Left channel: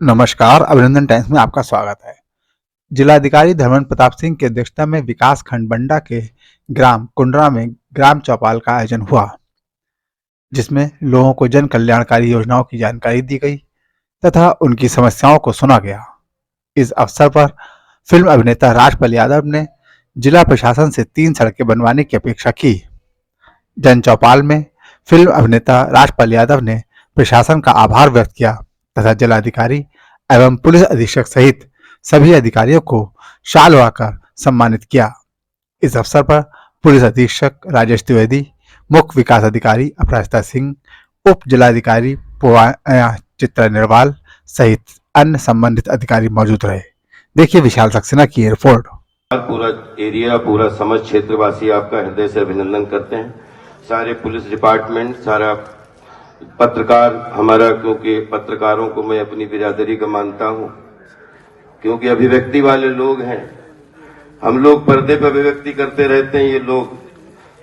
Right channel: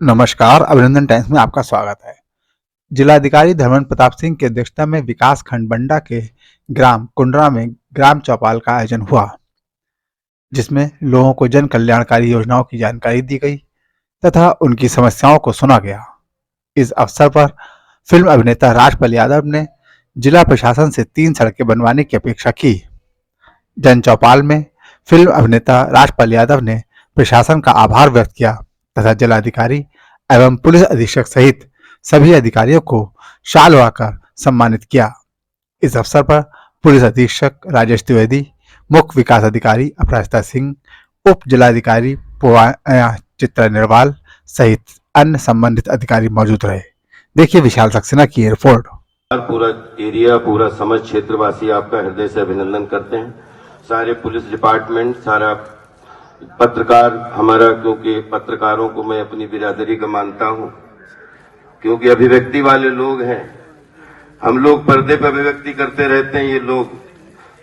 नमस्कार, अभिनंदन टाइम्स में आपका स्वागत है। जिलाधिकारी धर्मेंद्र प्रताप सिंह की अध्यक्षता में विकास खंड बंडा के ग्राम कुंडरा में ग्राम चौपाल का आयोजन हुआ, जिसमें लोगों को जन कल्याणकारी योजनाओं की जानकारी दी गई तथा उनकी समस्याओं को सुना गया। इस अवसर पर फिल्म अभिनेता राजपाल यादव ने जिला प्रशासन से 3 सड़कें बनवाने की अपेक्षा की। जन चौपाल में फिल्म अभिनेता राजपाल यादव ने प्रशासन का आभार व्यक्त किया तथा जिलाधिकारी एवं पुलिस अधीक्षक सहित सभी अधिकारियों को शाल लगाकर सम्मानित किया। इस अवसर पर पुलिस अधीक्षक राजेश द्विवेदी, मुख्य विकास अधिकारी अपराजिता सिंह, उप जिलाधिकारी चित्रा निर्वाल सहित अन्य संबंधित अधिकारी मौजूद रहे। देखिए विशाल सक्सेना की रिपोर्ट। पूरा एरिया, पूरा समझ क्षेत्रवासी आपका हृदय से अभिनंदन करते हैं। सारे पुलिस डिपार्टमेंट, सारा पत्रकार हमारा, क्योंकि पत्रकारों को मैं अपनी बिरादरी का मानता हूं, क्योंकि अभिव्यक्ति वाले लोग हैं। हम लोग पर्दे पर अभिव्यक्ति करते रहते हैं, ये लोग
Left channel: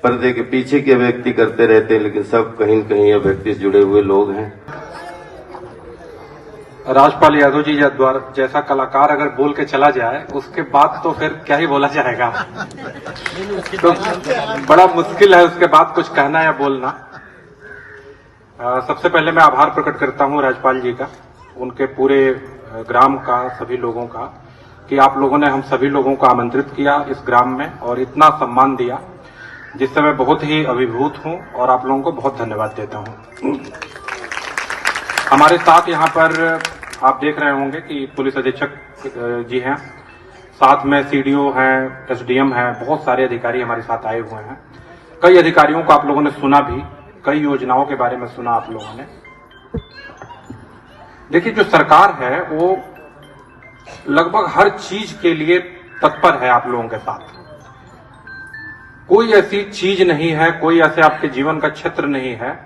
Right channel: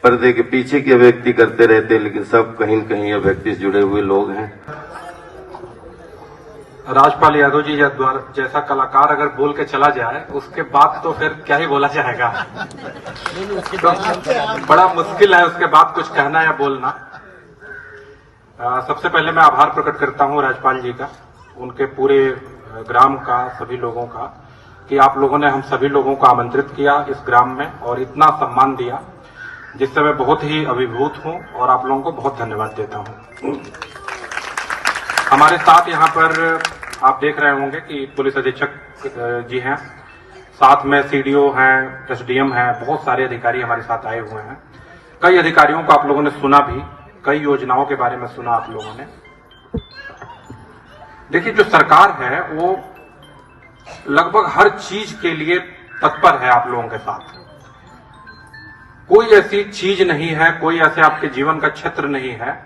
पर्दे के पीछे की अभिव्यक्ति करते रहते हैं, लेकिन सब कहीं न कहीं अभिव्यक्ति से जुड़े हुए लोग हैं। राजपाल यादव जी जैसा कलाकार अगर बोल के चला जाए, उसके बाद तो फिर क्या ही बोला जाएगा। तो बड़ा मुश्किल है उसके बाद कुछ कहना या बोलना। सबसे पहले मैं आभार प्रकट करता हूं राजपाल जी का, उनके पूरे ग्राम का, सभी लोगों का, कि आप लोगों ने हम सभी लोगों को आमंत्रित किया इस ग्राम में और इतना सम्मान दिया, जिससे मैं बहुत ही अभिभूत हूं और आप लोगों को बहुत धन्यवाद देता हूं। हमारे साथ यहाँ पर आप देख रहे होंगे कि पुलिस अधीक्षक जी हैं, साथ में सीडीओ हैं, एसडीएम हैं, बहुत सारे अधिकारी हमारे साथ आए हुए हैं। कई अधिकारियों को आप लोगों ने सुना भी, कई योजनाओं के बारे में सुना आप लोगों ने। देखिए, जो सरकार है वो लगभग हर चीज के लिए तत्पर है आप लोगों के साथ। कोई ऐसी चीज नहीं है, कोई ऐसे आपके जीवन का क्षेत्र नहीं है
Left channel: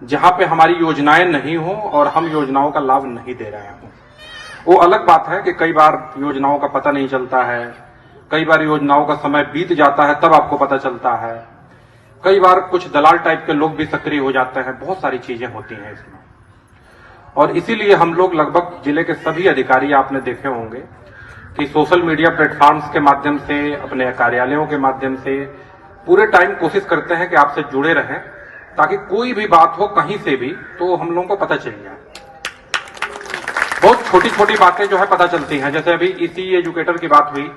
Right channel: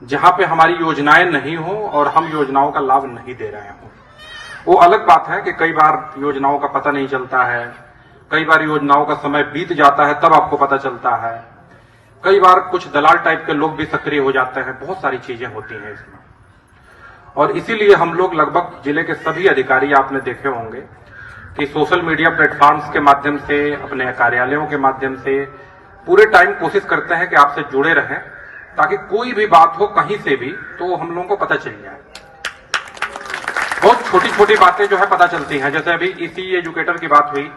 जहां पे हमारी योजनाएं नहीं हो और हम योजनाओं का लाभ नहीं दे रहे हों। वो अलग बात है कि कई बार योजनाओं का पता नहीं चलता है, कई बार योजनाओं का समय बीत जाता है तब आपको पता चलता है, कई बार कुछ दलाल टाइप के लोग भी सक्रिय हो जाते हैं, बहुत सारी चीजें होती हैं इसमें। और इसीलिए हम लोग लगभग जिले के सभी अधिकारी आपने देखे होंगे कि सोशल मीडिया प्लेटफॉर्म्स के माध्यम से, अपने कार्यालयों के माध्यम से पूरे टाइम कोशिश करते हैं कि आपसे जुड़े रहें, ताकि कोई भी बात हो कहीं से भी तो हम लोगों को पता चल जाए। बहुत छोटी छोटी बातें जो है पता चलती हैं, जैसे अभी इसी एजुकेटर की बात हुई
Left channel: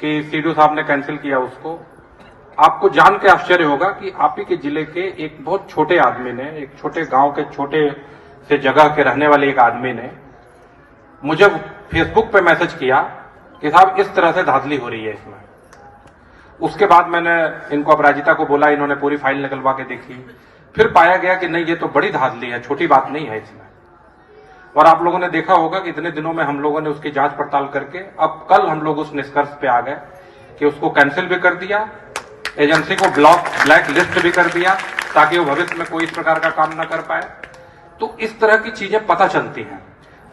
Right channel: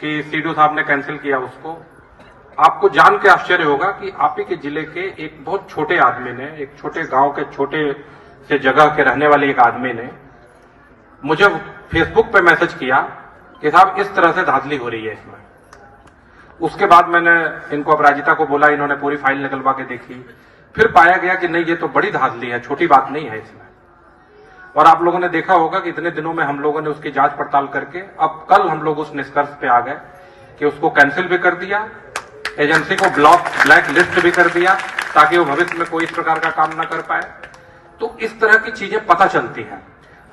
कि सीडीओ साहब ने कैंसिल किया उसको। आपको जान के आश्चर्य होगा कि आप ही के जिले के एक बहुत छोटे आदमी ने, एक छोटे गांव के छोटे से जगह के रहने वाले एक आदमी ने मुझे फेसबुक पे मैसेज किया कि साहब इस तरह से धांधली हो रही है इसमें। उसके बाद मैंने इनको अपराजिता को बोला, इन्होंने पूरी फाइल निकलवा के देखी, फिर पाया गया कि नहीं, ये तो बड़ी धांधली है, छोटी बात नहीं है इसमें। और आप लोगों ने देखा होगा कि इतने दिनों में हम लोगों ने उसकी जांच पड़ताल करके अब कल हम लोग उस निष्कर्ष पे आ गए कि उसको कैंसिल भी कर दिया, एजेंसी को ब्लैक लिस्ट भी कर दिया, ताकि वो भविष्य में कोई इस प्रकार का काम न कर पाए। तो इस तरह की चीजें पता चलती हैं।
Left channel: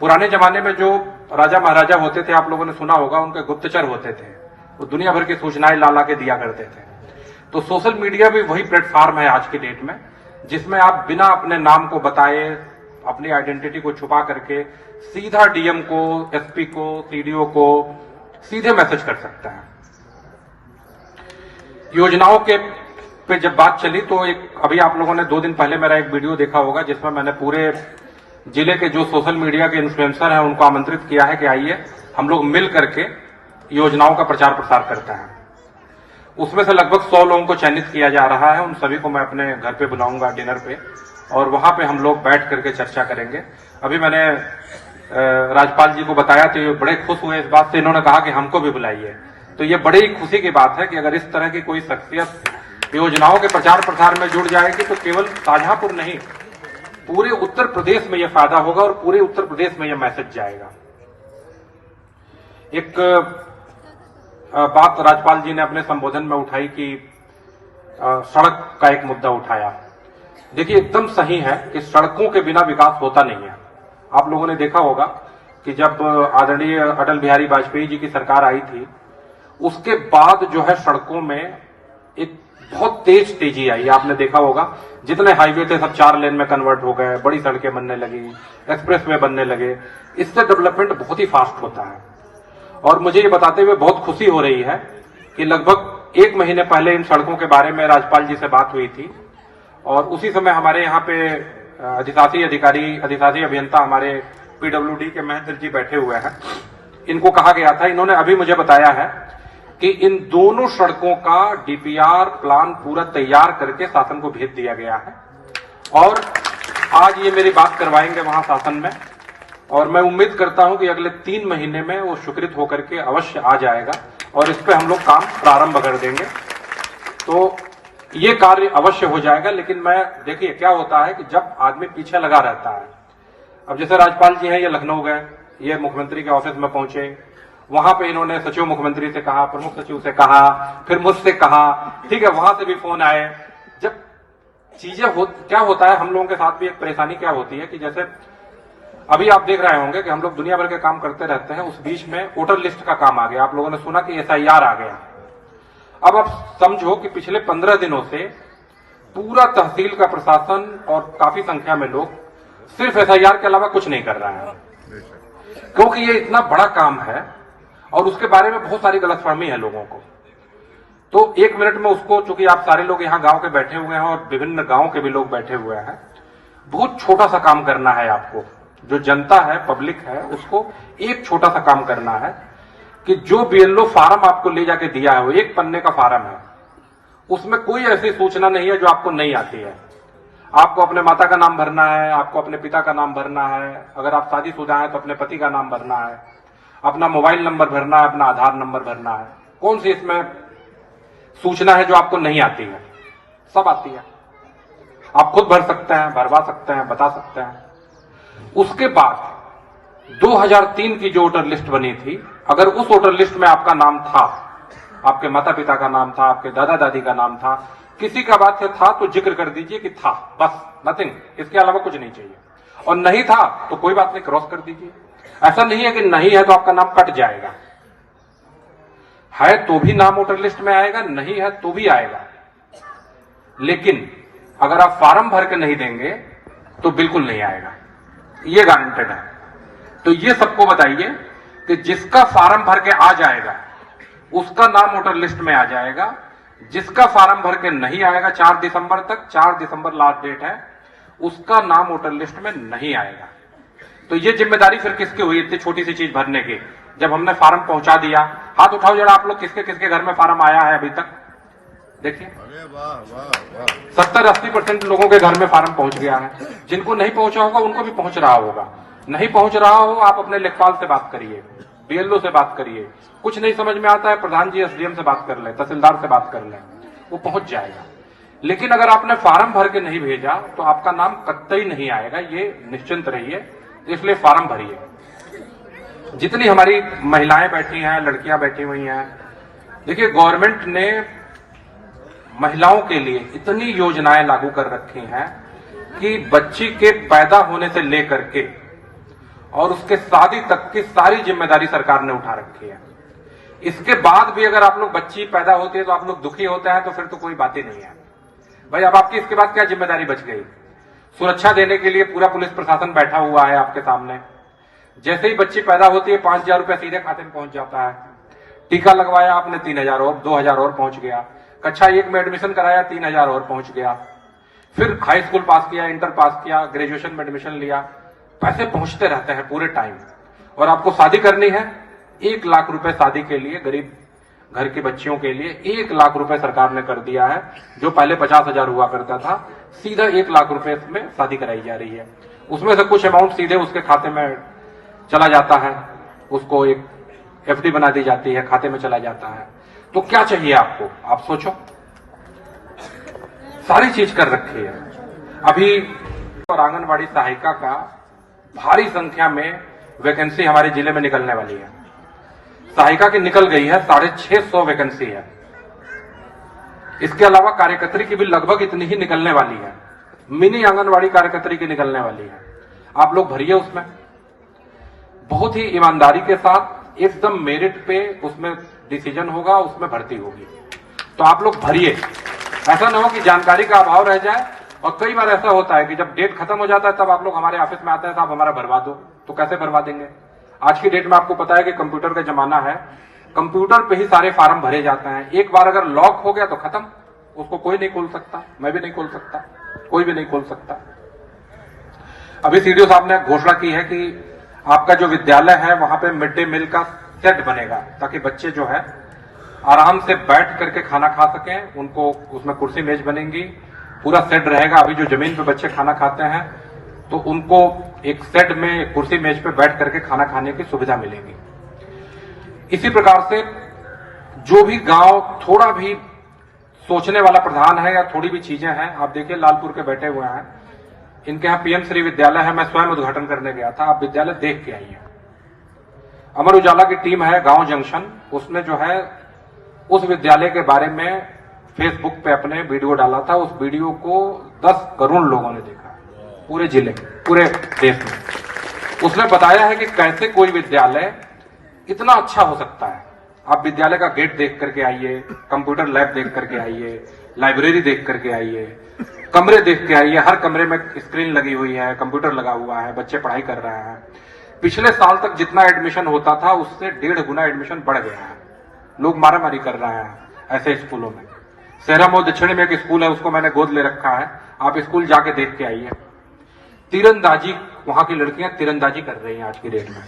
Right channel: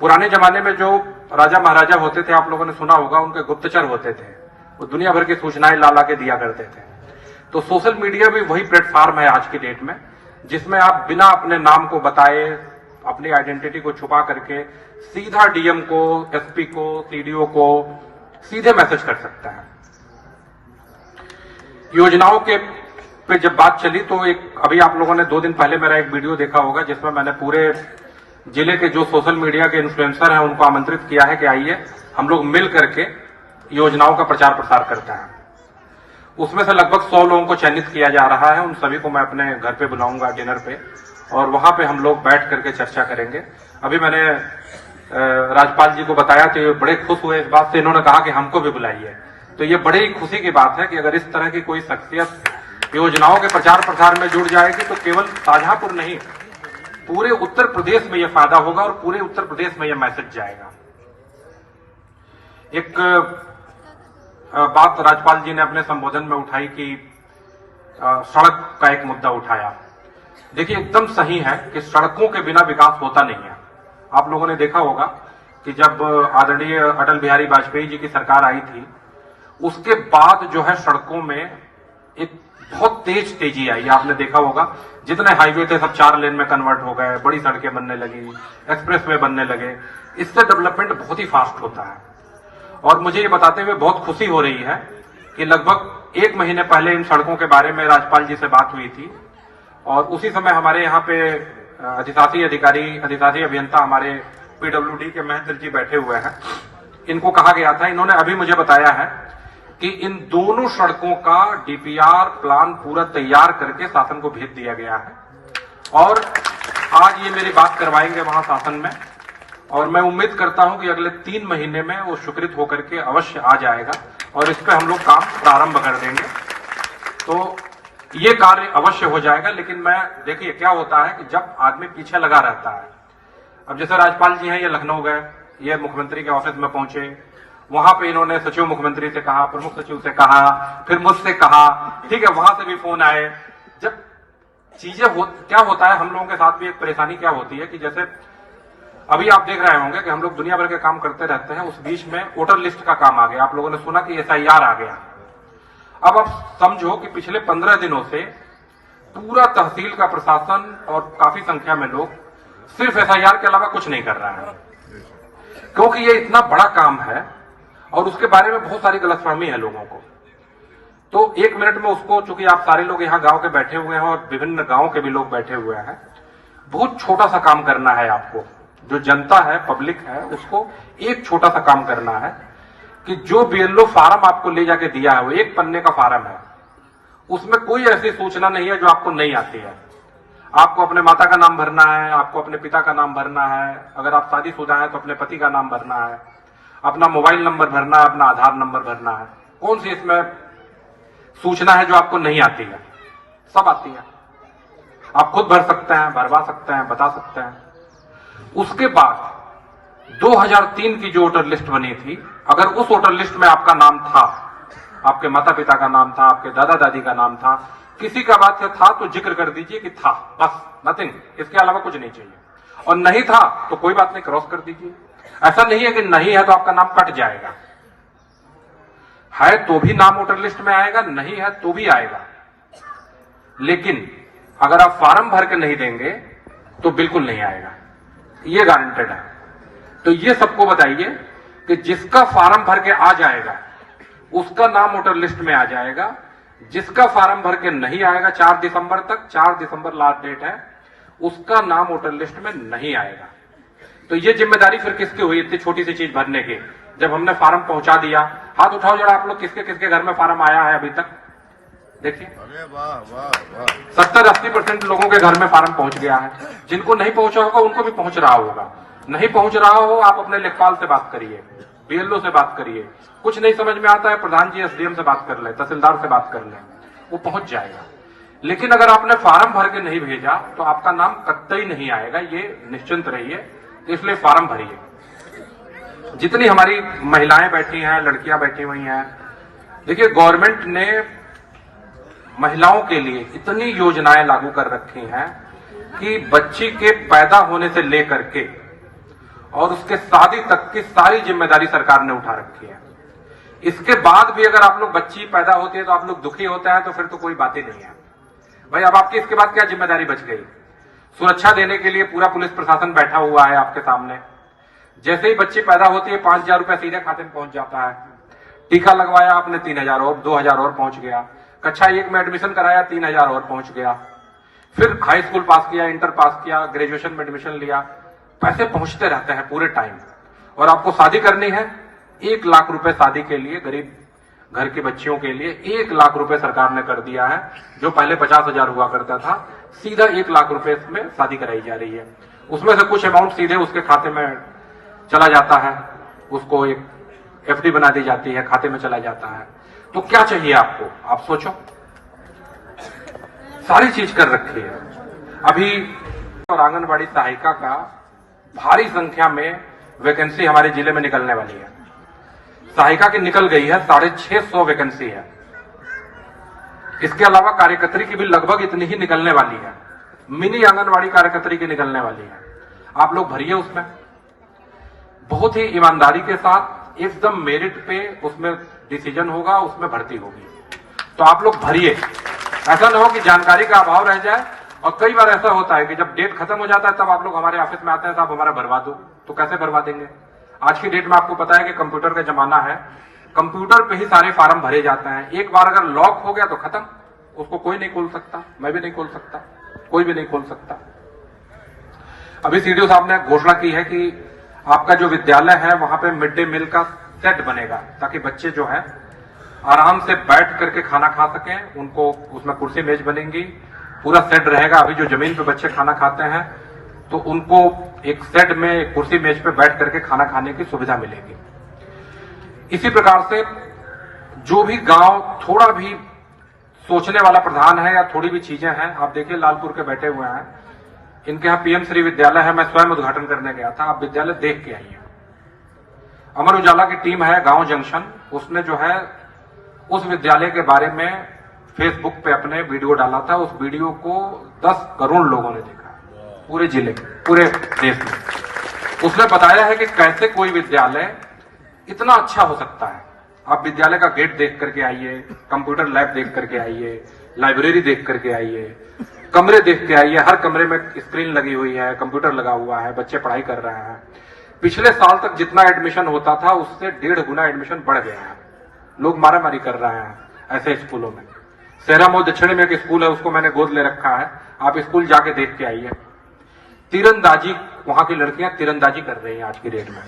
पुराने जमाने में जो राजा महाराजा होते थे, आप लोगों ने सुना होगा, उनके गुप्तचर होते थे, वो दुनिया भर की सूचनाएं ला के दिया करते थे। तो सोशल मीडिया भी वही प्लेटफॉर्म है आज की डेट में, जिसमें आप बिना अपने नाम को बताए, अपनी आइडेंटिटी को छुपा करके सीधा डीएम को, एसपी को, सीडीओ को सीधे मैसेज कर सकता है। योजनाओं के पे जब बात चली तो एक अभी आप लोगों ने 2 दिन पहले मेरा एक वीडियो देखा होगा, जिसमें मैंने पूरे जिले के जो सोशल मीडिया के इन्फ्लुएंसर हैं उनको आमंत्रित किया है कि आइए हम लोग मिल करके योजनाओं का प्रचार प्रसार करते हैं। उसमें से लगभग 100 लोगों को चयनित किया जा रहा है। उन सभी को मैं अपने घर पे बुलाऊंगा डिनर पे, और वहां पे हम लोग बैठ करके चर्चा करेंगे। अभी मैंने राजपाल जी को बताया तो ये बड़े खुश हुए इस बात से, इन्होंने कहा कि हमको भी बुलाइए। तो ये बड़ी खुशी की बात है कि अगर इस तरह की कोई शख्सियत योजनाओं के प्रचार प्रसार में जुड़ जाएगी तो केवल शाहजहांपुर नहीं, पूरे उत्तर प्रदेश में यह फायदा होगा और पूरे उत्तर प्रदेश में यह मैसेज जाएगा। एक बात राजपाल जी ने अपने संबोधन में उठाई कि सड़क का एक मुद्दा उठाया। देखिए, एकदम सही है कि सड़कों के बिना विकास होता नहीं है। आप लोगों ने देखा होगा कि जब आदरणीय अटल बिहारी वाजपेयी जी की सरकार आई थी, उसके बाद जो है सड़कों में एक बहुत तेज तेजी आई, आपने देखा होगा जितने हाईवे थे सब 4 लेन में कन्वर्ट हो गए, बड़ी सड़कें बनने लगी, एक्सप्रेस वे बनने लगे। इससे डेवलपमेंट बहुत ही फास्ट होता है। और मुझे ये बताते हुए बहुत खुशी हो रही है कि लगभग 1 महीने पहले इन सड़कों के बारे में राज्यपाल जी से बात हुई थी और उसी समय हमारे यहाँ पे अधिशासी अभियंता हमारे पीडब्ल्यूडी के महेंद्र जी बैठे हुए हैं। इनको कहा गया था, इन्होंने अभी मुझे बताया है कि इन दोनों सड़कों का डीपीआर प्लान पूरा तैयार करके शासन को भेज दिया गया है और आज ये मेरी बात करवाएंगे वहां शासन में और मैं उम्मीद करता हूं कि अगले 3 महीने में वो स्वीकृत होकर के अवश्य आ जाएगा और इस पे हम लोग काम प्रारंभ कर देंगे। तो ये कार्य अवश्य हो जाएगा। लेकिन मैं देखिए क्या होता है कि जब आदमी पीछे लगा रहता है, अब जैसे राज्यपाल जी हैं ये लखनऊ गए, ये मुख्यमंत्री के ऑफिस में पहुंचे, वहां पे इन्होंने सचिव मुख्यमंत्री से कहा, प्रमुख सचिव से कहा, फिर मुझसे कहा, ठीक है, वहां से भी फोन आए। जब चीजें क्या होता है, हम लोगों के साथ भी एक परेशानी क्या होती है कि जैसे अभी आप देख रहे होंगे कि हम लोग दुनिया भर के काम करते रहते हैं, उस बीच में वोटर लिस्ट का काम आ गया। आप लोगों ने सुना कि SIR आ गया। अब आप समझो कि पिछले 15 दिनों से पूरा तहसील का प्रशासन और काफी संख्या में लोग सिर्फ SIR के अलावा कुछ नहीं कर रहा है, क्योंकि ये इतना बड़ा काम है और उसके बारे में बहुत सारी गलतफहमी है लोगों को। तो 1 मिनट में उसको, चूंकि आप सारे लोग यहाँ गांव के बैठे हुए हैं और विभिन्न गांव के भी लोग बैठे हुए हैं, बहुत छोटा सा काम करना है आपको। जो जनता है, पब्लिक है, उसको एक छोटा सा काम करना है कि जो BLO फार्म आपको ले जाके दिया है, वो 1 पन्ने का फार्म है, उसमें कोई ऐसी सूचना नहीं है जो आपको नहीं आती है। आपको अपने माता का नाम भरना है, आपको अपने पिता का नाम भरना है, अगर आप शादीशुदा हैं तो अपने पति का नाम भरना है, अपना मोबाइल नंबर भरना है, अपना आधार नंबर भरना है। कौन सी इसमें सूचना है जो आपको नहीं आती है? सब आती है। आप खुद भर सकते हैं, भरवा सकते हैं, बता सकते हैं। उसके बाद 2003 की जो वोटर लिस्ट बनी थी, अगर उस वोटर लिस्ट में आपका नाम था, आपके माता पिता का नाम था, आपके दादा दादी का नाम था, किसी का बात से था तो जिक्र कर दीजिए कि था, बस, नथिंग, इसके अलावा कुछ नहीं चाहिए। और नहीं था तो कोई बात नहीं, क्रॉस कर दीजिए। ऐसा नहीं है कि नहीं है तो आपका नाम कट जाएगा, है तो भी नाम वोटर लिस्ट में आएगा, नहीं है तो भी आएगा। लेकिन अगर आप फार्म भर के नहीं देंगे तो बिल्कुल नहीं आएगा, ये गारंटेड है। तो ये सबको बताइए कि जिसका फार्म भर के आ जाएगा उसका नाम वोटर लिस्ट में आ जाएगा, जिसका फार्म भर के नहीं आएगा 4 दिसंबर तक, 4 दिसंबर लास्ट डेट है, उसका नाम वोटर लिस्ट में नहीं आएगा। तो ये जिम्मेदारी फिर किसकी हुई इतनी छोटी सी चीज भरने की? जब हमने फार्म पहुंचा दिया, हाथ उठाओ जरा आप लोग, किसके किसके घर में फार्म आया है अभी तक? देखिए 70-80% लोगों के घर में फार्म पहुंच गया है। जिनको नहीं पहुंचा होगा उनको भी पहुंच रहा होगा। नहीं पहुंच रहा हो, आप अपने लेखपाल से बात करिए, BLO से बात करिए। कुछ नहीं समझ में आता है, प्रधान जी SDM से बात कर ले, तहसीलदार से बात कर ले, वो पहुंच जाएगा। लेकिन अगर आपने फार्म भर के नहीं भेजा तो आपका नाम कतई नहीं आएगा, ये निश्चिंत रहिए। तो इसलिए फार्म भरिए। जितनी हमारी महिलाएं बैठी हैं, लड़कियां बैठी हुई हैं, देखिए गवर्नमेंट ने महिलाओं के लिए इतनी योजनाएं लागू कर रखी हैं कि बच्ची के पैदा होने से लेकर के और उसके शादी तक की सारी जिम्मेदारी सरकार ने उठा रखी है। इसके बाद भी अगर आप लोग, बच्ची पैदा होती है तो आप लोग दुखी होते हैं, तो फिर तो कोई बात ही नहीं है भाई। अब आपकी इसके बाद क्या जिम्मेदारी बच गई? सुरक्षा देने के लिए पूरा पुलिस प्रशासन बैठा हुआ है आपके सामने। जैसे ही बच्ची पैदा होती है 5,000 रुपए सीधे खाते में पहुंच जाता है। टीका लगवाया आपने 3,000 और 2,000 और पहुंच गया। कक्षा 1 में एडमिशन कराया 3,000 और पहुंच गया। फिर हाई स्कूल पास किया, इंटर पास किया, ग्रेजुएशन में एडमिशन लिया, पैसे पहुंचते रहते हैं पूरे टाइम। और आपको शादी करनी है, 1 लाख रुपए शादी के लिए, गरीब घर की बच्चियों के लिए 1 लाख रुपए सरकार ने कर दिया है। जो पहले 50,000 हुआ करता था, सीधा 1 लाख रुपए में शादी कराई जा रही है। उसमें से कुछ अमाउंट सीधे उसके खाते में चला जाता है, उसको एक FD बना दी जाती है, खाते में चला जाता है। तो क्या चाहिए आपको? आप सोचो, सारी चीज कर रखी है। अभी और आंगनबाड़ी सहायिका का भारी संख्या में वैकेंसी हमारे जिले में निकलने वाली है। सहायिका की निकल गई है, 650 वैकेंसी है। इसके अलावा कार्यकर्त्री की भी लगभग इतनी ही निकलने वाली है। मिनी आंगनबाड़ी कार्यकर्त्री की निकलने वाली है। आप लोग भरिए, उसमें बहुत ही ईमानदारी के साथ एकदम मेरिट पे उसमें डिसीजन होगा, उसमें भर्ती होगी। तो आप लोग भरिए। ऐसा ना हो कि जानकारी का अभाव रह जाए। और कई बार ऐसा होता है कि जब डेट खत्म हो जाता है तब आप लोग हमारे ऑफिस में आते हैं, साहब हमारा भरवा दो। तो कैसे भरवा देंगे? आज की डेट में आपको पता है कि कंप्यूटर का जमाना है, कंप्यूटर पे ही सारे फार्म भरे जाते हैं। एक बार अगर लॉक हो गया तो खत्म, उसको कोई नहीं खोल सकता, मैं भी नहीं खोल सकता, कोई भी नहीं खोल सकता। अभी सीडीओ साहब ने घोषणा की है कि आपका जो विद्यालय है वहां पे मिड डे मील का सेट बनेगा, ताकि बच्चे जो है आराम से बैठ करके खाना खा सकें। उनको उसमें कुर्सी मेज बनेंगी, पूरा सेट रहेगा। अभी जो जमीन पे बच्चे खाना खाते हैं तो उनको एक सेट में कुर्सी मेज पे बैठ करके खाना खाने की सुविधा मिलेगी। इसी प्रकार से जो भी गांव थोड़ा भी सोचने वाला प्रधान है या थोड़ी भी चीजें हैं, आप देखिए लालपुर के बैठे हुए हैं, इनके यहाँ पीएम श्री विद्यालय है, मैं स्वयं उद्घाटन करने गया था, आप विद्यालय देख के आइए। अमर उजाला की टीम है गांव जंक्शन, उसने जो है उस विद्यालय के बारे में फेसबुक पे अपने वीडियो डाला था। उस वीडियो को 10 करोड़ लोगों ने देखा, पूरे जिले, पूरे देश में। उसने बताया है कि कैसे कोई विद्यालय इतना अच्छा हो सकता है। आप विद्यालय का गेट देख करके आइए, कंप्यूटर लैब देख करके आइए, लाइब्रेरी देख करके आइए, कमरे देख के आइए। हर कमरे में स्क्रीन लगी हुई है, कंप्यूटर लगा हुआ है, बच्चे पढ़ाई कर रहे हैं। पिछले साल तक जितना एडमिशन होता था उससे 1.5 गुना एडमिशन बढ़ गया है। लोग मारामारी कर रहे हैं ऐसे स्कूलों में। सेहरा मऊ दक्षिण में एक स्कूल है, उसको मैंने गोद ले रखा है, आप स्कूल जाके देख के आइए। तीरंदाजी, वहां की लड़कियां तीरंदाजी कर रही हैं आज की डेट में।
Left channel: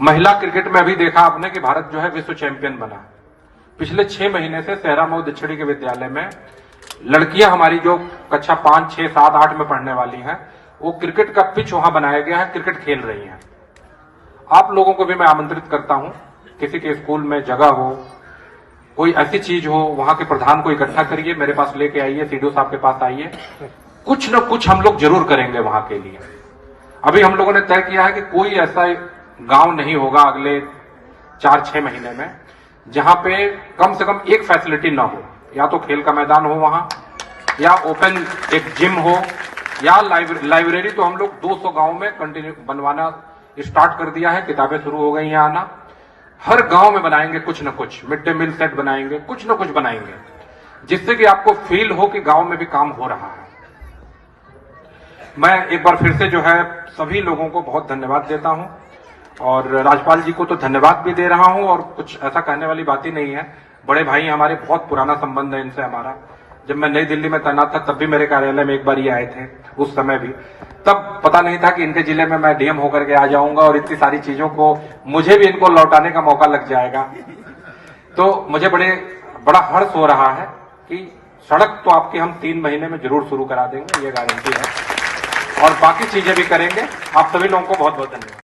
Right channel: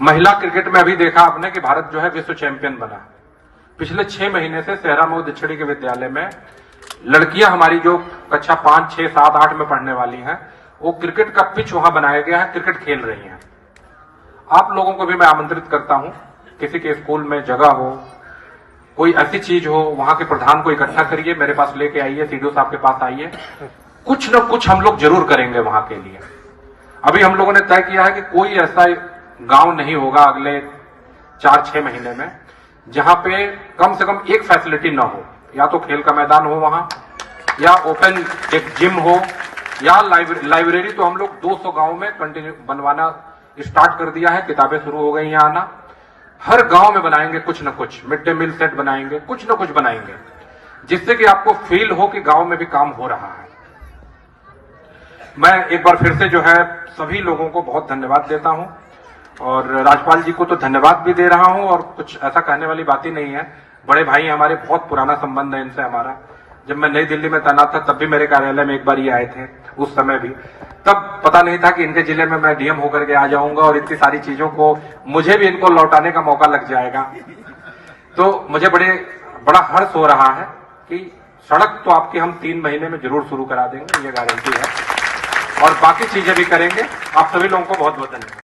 महिला क्रिकेट में अभी देखा आपने कि भारत जो है विश्व चैंपियन बना। पिछले 6 महीने से सेहरा मऊ दक्षिणी के विद्यालय में लड़कियां हमारी जो कक्षा 5, 6, 7, 8 में पढ़ने वाली हैं, वो क्रिकेट का पिच वहां बनाया गया है, क्रिकेट खेल रही हैं। आप लोगों को भी मैं आमंत्रित करता हूं, किसी के स्कूल में जगह हो, कोई ऐसी चीज हो, वहां के प्रधान को इकट्ठा करिए, मेरे पास लेके आइए, सीडीओ साहब के पास आइए। कुछ न कुछ हम लोग जरूर करेंगे वहां के लिए। अभी हम लोगों ने तय किया है कि कोई ऐसा गांव नहीं होगा अगले 4-6 महीने में जहां पे कम से कम एक फैसिलिटी ना हो। या तो खेल का मैदान हो वहां, या ओपन एक जिम हो, या लाइब्रेरी। तो हम लोग 200 गांव में कंटिन्यू बनवाना स्टार्ट कर दिया है, किताबें शुरू हो गई हैं आना। हर गांव में बनाएंगे कुछ न कुछ, मिड डे मील सेट बनाएंगे, कुछ न कुछ बनाएंगे, जिससे कि आपको फील हो कि गांव में भी काम हो रहा है। मैं एक बार फिर से जो है सभी लोगों को बहुत धन्यवाद देता हूं, और राज्यपाल जी को तो धन्यवाद भी दे रहा हूं, और कुछ ऐसा कहने वाली बात ही नहीं है। बड़े भाई हमारे, बहुत पुराना संबंध है इनसे हमारा। जब मैं नई दिल्ली में तैनात था तब भी मेरे कार्यालय में एक बार ये आए थे, उस समय भी। तब पता नहीं था कि इनके जिले में मैं डीएम होकर के आ जाऊंगा और इतनी सारी चीजों को मुझे भी इनको लौटाने का मौका लग जाएगा। तो मुझे बड़ा हर्ष हो रहा है कि सड़क तो आपकी हम 3 महीने में जरूर शुरू करा देंगे, ये गारंटी है, और बाकी चीजें भी करेंगे। आप सभी लोगों को बहुत बहुत धन्यवाद।